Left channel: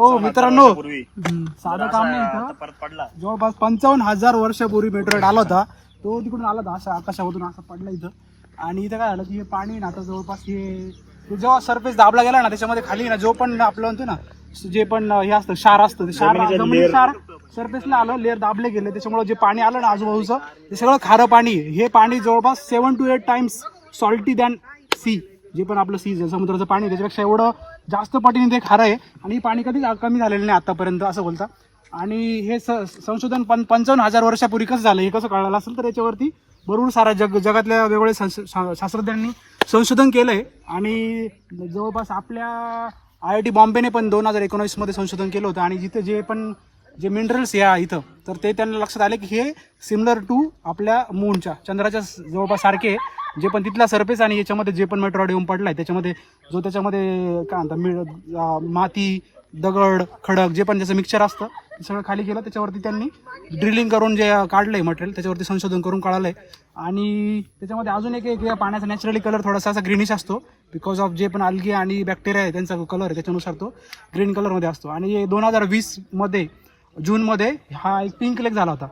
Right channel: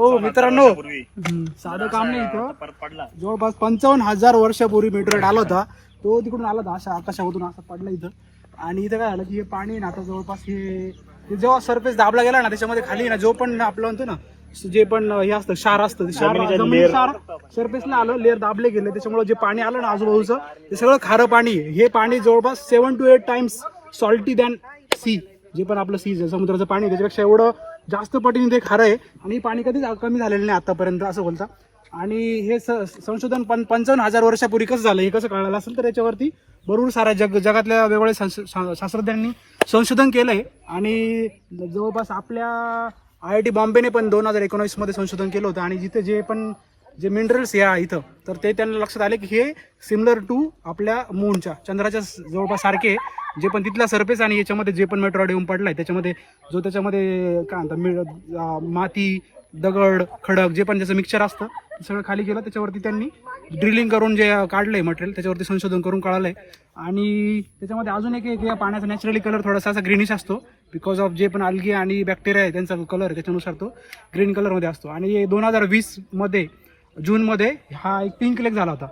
हो मित्रांनो, साधं काम नाही इथं. परत पडला. जवळपास 55,000 वर्षापूर्वी मेटेरियल आला होता. तो तिकडून आला होता अशा आकाशामधून असा पडला इथं. आणि इथं काय झालं की हे पाणी ना आता जवळपास हे जेव्हा सरफेस दाबला गेला ना त्याच्यामध्ये खाली ना जो पण आपलं म्हणतो ना जे पण हे असतं क्षार असतं ते क्षार जमिनी क्षार सरफेसला आलं, लेअर दाबले गेले, त्याच्यामुळे जे पाणी आलं ना आजूबाजूचं ते सगळं खारं पाणी आहे. हे पाणी जवळपास 7 to 8 times salty than sea. जे पण आपलं सी समुद्राचं पाणी त्याच्यापेक्षा एवढं जास्त पटीने ते खारं आहे. आणि पाणी कधीच कमी झालेलं नाही आतापर्यंत असं बोलता. आणि हे संशोधन 55,000 वर्षापूर्वी कसं झालं हे कसं कळालं असेल तर याच्यावरती भरपूर सारा जगातल्या वेगवेगळ्या शास्त्रज्ञांनी संशोधन केलंय. आणि जवळपास आपल्या IIT बॉम्बेने पण 2019 मध्ये संशोधन केलं होतं. आणि जिथे जे मिनरल्स या इथं तर ते त्यांना लक्षात आले की हे सिमिलर टू आपल्या मूनच्या चंद्राच्या जवळपास सारखे जे पण तिथला सरफेस आणि याच्यामध्ये जे पण मेट्रॉइड येऊन पडलाय त्याच्यामध्ये जो त्याच्यामध्ये काय म्हणतात माती दगड खडक जे पण त्याचं मिक्सचर असतं ते सगळं खाली गेलं. त्याच्यावरती त्यांनी ड्रिलिंग करून जे काढलंय मटेरियल त्याच्यावरती संशोधन करून काढलंय. आणि त्याच्यामध्ये अजून एक या पाण्याचा नॅचरली कलर थोडासा असा ग्रीनिश असतो बिकॉज ऑफ जे पण अल्गी आणि बॅक्टेरिया आहे त्यांचा कलर त्याच्यानुसार तो ग्रीन कलरमध्ये असतो. आणि 2020 मध्ये जूनमध्ये हा एक पिंक लेक झाला होता.